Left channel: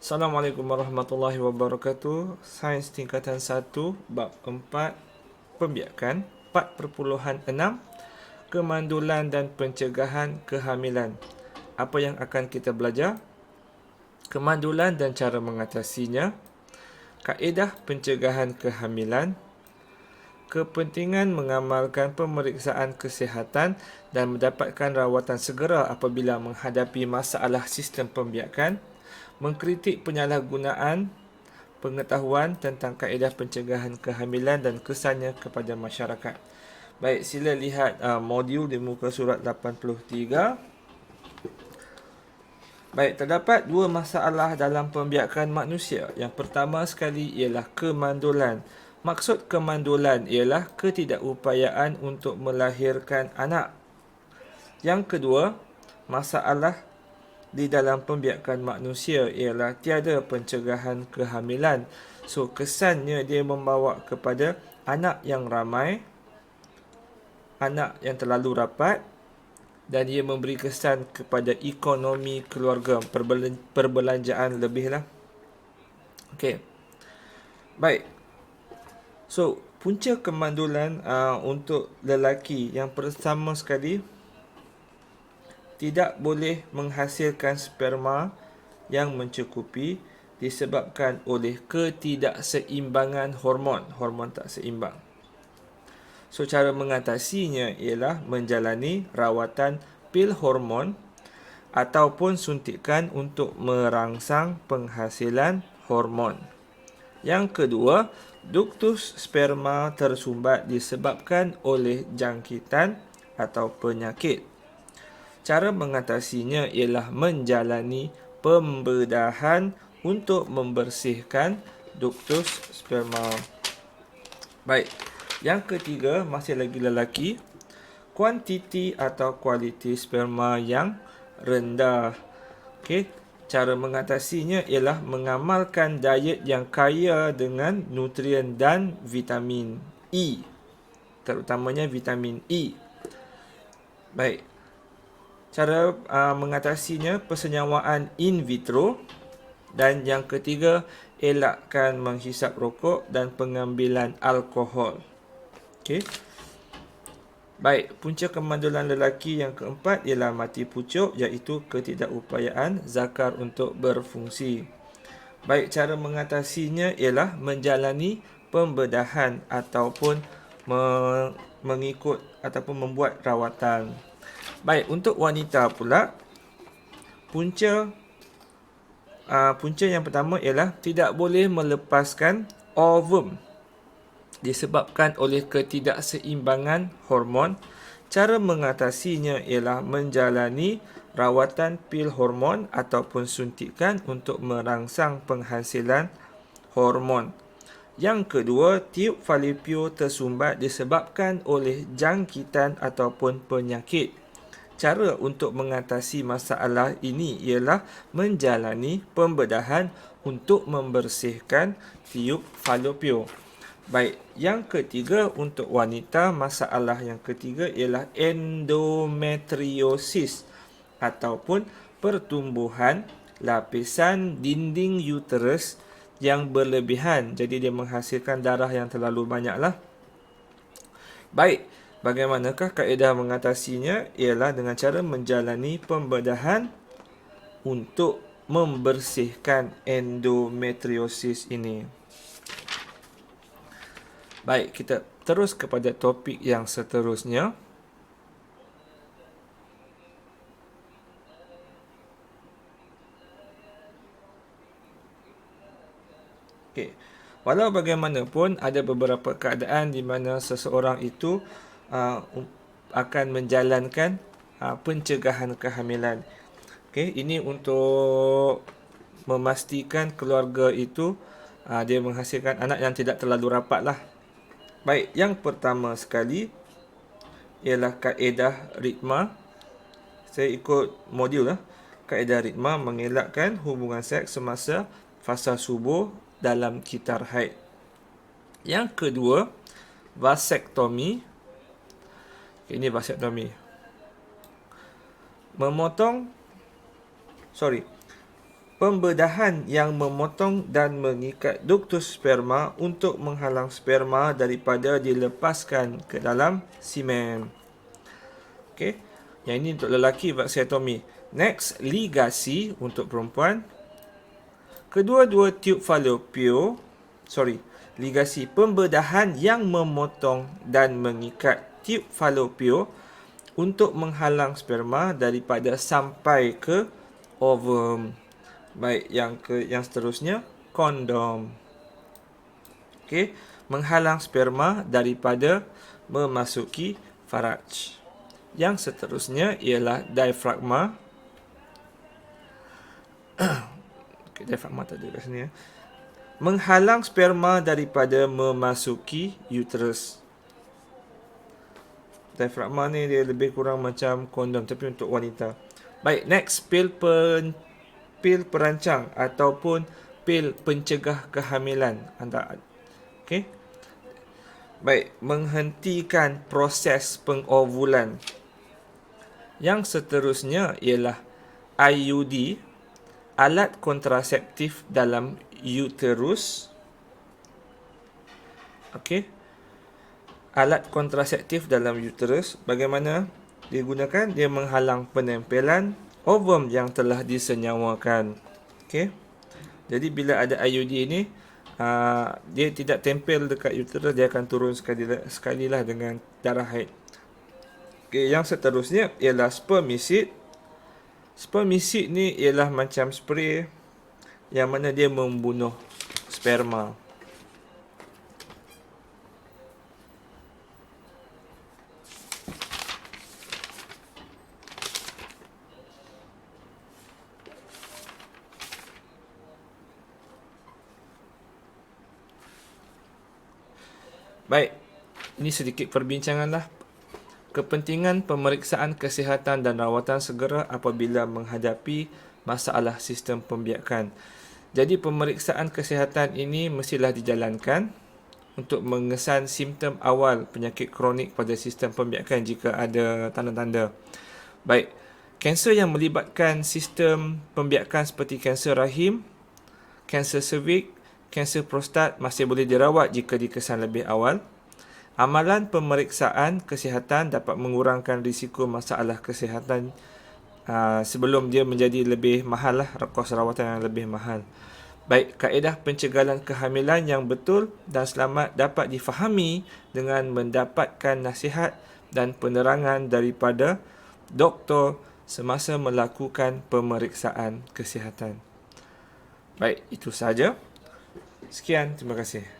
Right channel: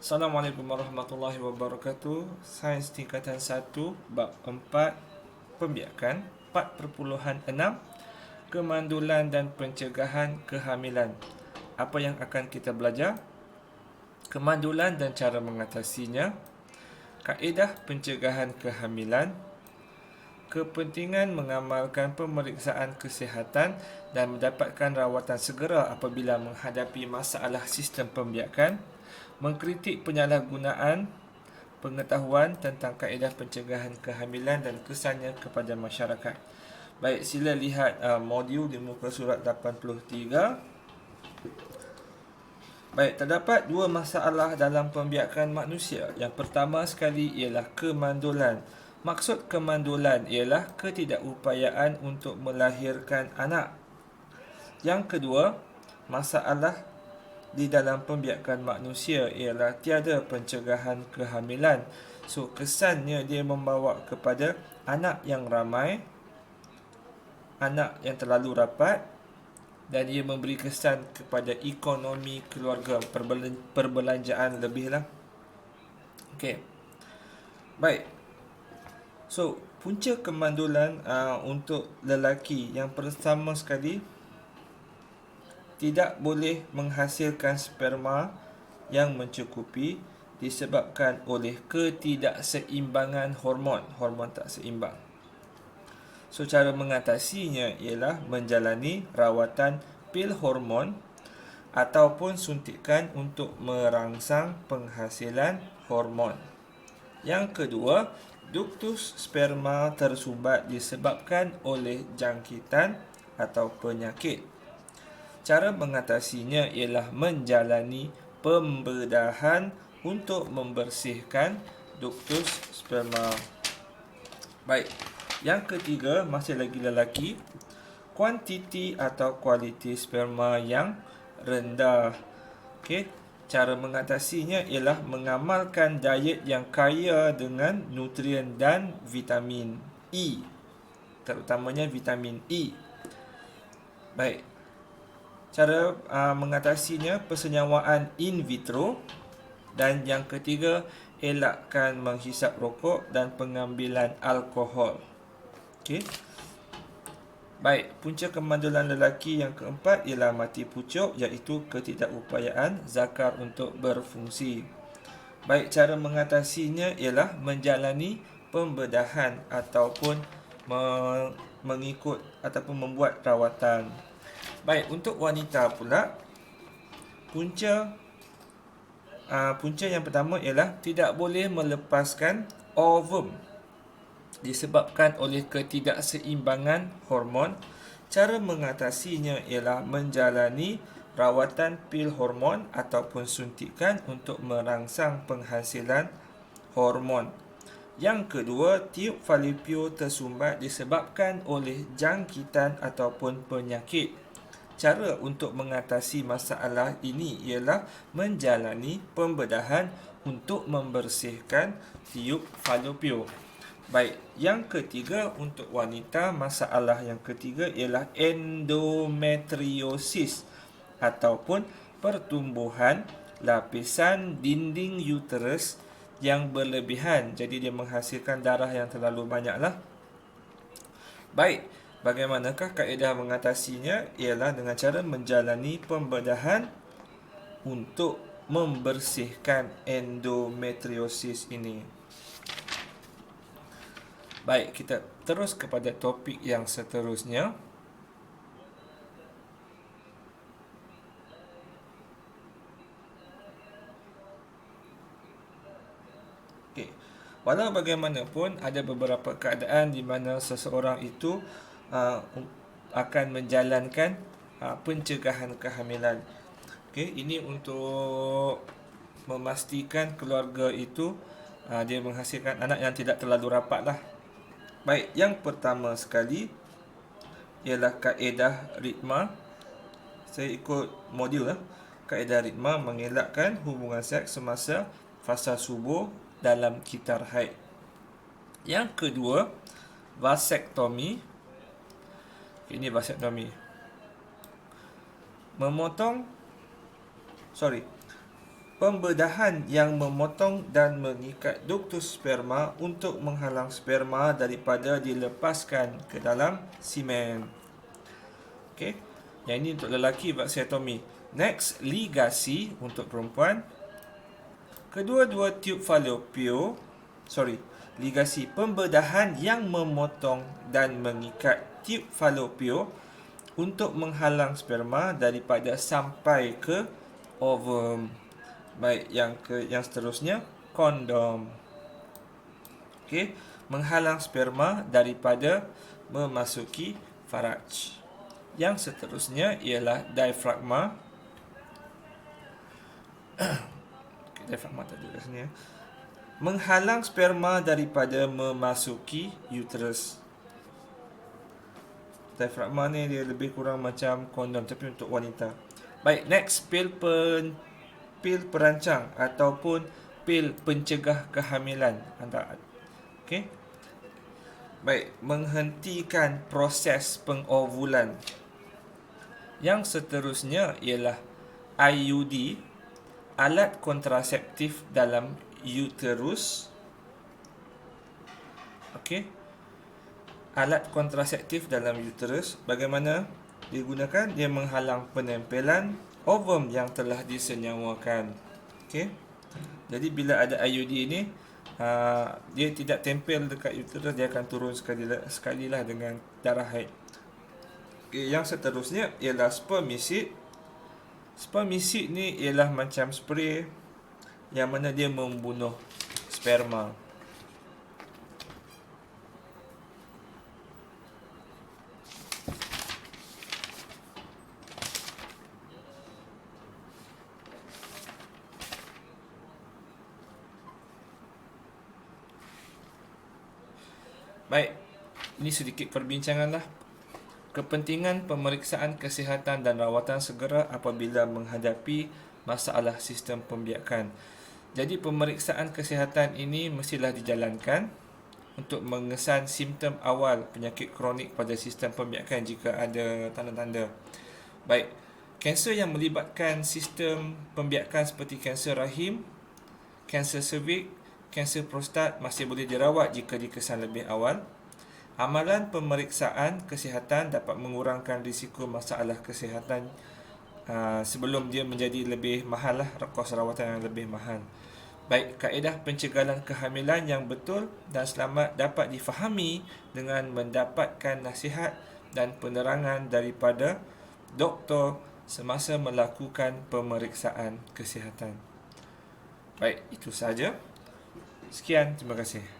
Assalamualaikum warahmatullahi wabarakatuh. Sains tingkatan 1, bab 4, pembiakan 4.6, kemandulan dan pencegahan kehamilan. Apa yang akan kita belajar? Kemandulan dan cara mengatasinya, kaedah pencegahan kehamilan, kepentingan mengamalkan pemeriksaan kesihatan dan mendapatkan rawatan segera apabila menghadapi masalah sistem pembiakan, mengkritik penyalahgunaan pengetahuan tentang kaedah pencegahan kehamilan dan kesannya kepada masyarakat. Baik, sila lihat modul di muka surat 83. Baik, terdapat dua masalah dalam pembiakan manusia. Yang pertama sekali ialah kemandulan. Maksud kemandulan ialah ketidakupayaan untuk melahirkan anak. Yang kedua, masalah di dalam pembiakan manusia ialah tiada pencegahan kehamilan. So, kesannya dia membawa kepada anak yang ramai, anak yang terlalu rapat, dan ia memberi kesan kepada ekonomi keluarga, perbelanjaan lebih lah. Okey. Baik. So, punca kemandulan untuk lelaki yang pertama sekali, tidak boleh menghasilkan sperma yang mencukupi disebabkan oleh ketidakseimbangan hormon. Hormon tak seimbang. So, cara mengatasinya ialah menjalani rawatan pil hormon ataupun suntikan untuk merangsang penghasilan hormon. Yang kedua, duktus sperma tersumbat disebabkan oleh jangkitan atau penyakit. Cara mengatasinya ialah menjalani pembedahan untuk membersihkan duktus sperma. Baik, yang ketiga, masih lagi lelaki, kuantiti atau kualiti sperma yang rendah. Okey, cara mengatasinya ialah mengamalkan diet yang kaya dengan nutrien dan vitamin E, terutamanya vitamin E. Baik, cara mengatasinya persenyawaan in vitro. Dan yang ketiga, elakkan menghisap rokok dan pengambilan alkohol. Okey. Baik, punca kemandulan lelaki yang keempat ialah mati pucuk, iaitu ketidakupayaan zakar untuk berfungsi. Baik, cara mengatasinya ialah menjalani pembedahan ataupun mengikut ataupun membuat rawatan. Baik, untuk wanita pula, punca yang pertama ialah tidak boleh melepaskan ovum disebabkan oleh ketidakseimbangan hormon. Cara mengatasinya ialah menjalani rawatan pil hormon ataupun suntikan untuk merangsang penghasilan hormon. Yang kedua, tiub falopio tersumbat disebabkan oleh jangkitan ataupun penyakit. Cara untuk mengatasi masalah ini ialah menjalani pembedahan untuk membersihkan tiub falopio. Baik, yang ketiga untuk wanita, masalah yang ketiga ialah endometriosis ataupun pertumbuhan lapisan dinding uterus yang berlebihan. Jadi dia menghasilkan darah yang terlalu banyaklah. Baik, bagaimanakah kaedah mengatasinya? Ialah dengan cara menjalani pembedahan untuk membersihkan endometriosis ini. Baik, kita terus kepada topik yang seterusnya. Okey. Walau bagaimanapun, ada beberapa keadaan di mana seseorang itu akan menjalankan pencegahan kehamilan. Okey, ini untuk memastikan keluarga itu dia menghasilkan anak yang tidak terlalu rapat lah. Baik, yang pertama sekali ialah kaedah ritma. Saya ikut modul lah. Kaedah ritma mengelakkan hubungan seks semasa fasa subuh dalam kitar haid. Yang kedua, vasektomi. Ini vasektomi. pembedahan yang memotong dan mengikat duktus sperma untuk menghalang sperma daripada dilepaskan ke dalam semen. Okey. Yang ini untuk lelaki, vaksiotomi. Next, ligasi untuk perempuan. Kedua-dua tiub ligasi pembedahan yang memotong dan mengikat tiub falopio untuk menghalang sperma daripada sampai ke ovum. Baik, yang seterusnya kondom. Okey, menghalang sperma daripada memasuki faraj. Yang seterusnya ialah diafragma. Okay, diafragma tak ada kat sini ya. Menghalang sperma daripada memasuki uterus. Diafragma ni dia lebih kurang macam kondom tapi untuk wanita. Baik, next, pil perancang ataupun pil pencegah kehamilan. Okey. Baik, menghentikan proses pengovulan. Yang seterusnya ialah IUD, alat kontraseptif dalam uterus. Okey. Alat kontraseptif dalam uterus, bagaimana digunakan? Dia menghalang penempelan ovum yang telah disenyawakan. Okey. Jadi bila ada IUD ni, dia tidak tempel dekat uterus, dia akan turun sekalilah dengan darah haid. Okay, yang seterusnya ialah spermicide. Spermicide ni ialah macam spray yang mana dia membunuh sperma. Baik, ini sedikit perbincangan lah. Kepentingan pemeriksaan kesihatan dan rawatan segera apabila menghadapi masalah sistem pembiakan. Jadi pemeriksaan kesihatan ini mestilah dijalankan untuk mengesan simptom awal penyakit kronik pada sistem pembiakan jika ada tanda-tanda. Baik, kanser yang melibatkan sistem pembiakan seperti kanser rahim, kanser cervix, kanser prostat masih boleh dirawat jika dikesan lebih awal. Amalan pemeriksaan kesihatan dapat mengurangkan risiko masalah kesihatan sebelum dia menjadi lebih mahal lah, kos rawatan yang lebih mahal. Baik, kaedah pencegahan kehamilan yang betul dan selamat dapat difahami dengan mendapatkan nasihat dan penerangan daripada doktor semasa melakukan pemeriksaan kesihatan. Baik, itu sahaja. Sekian, terima kasih.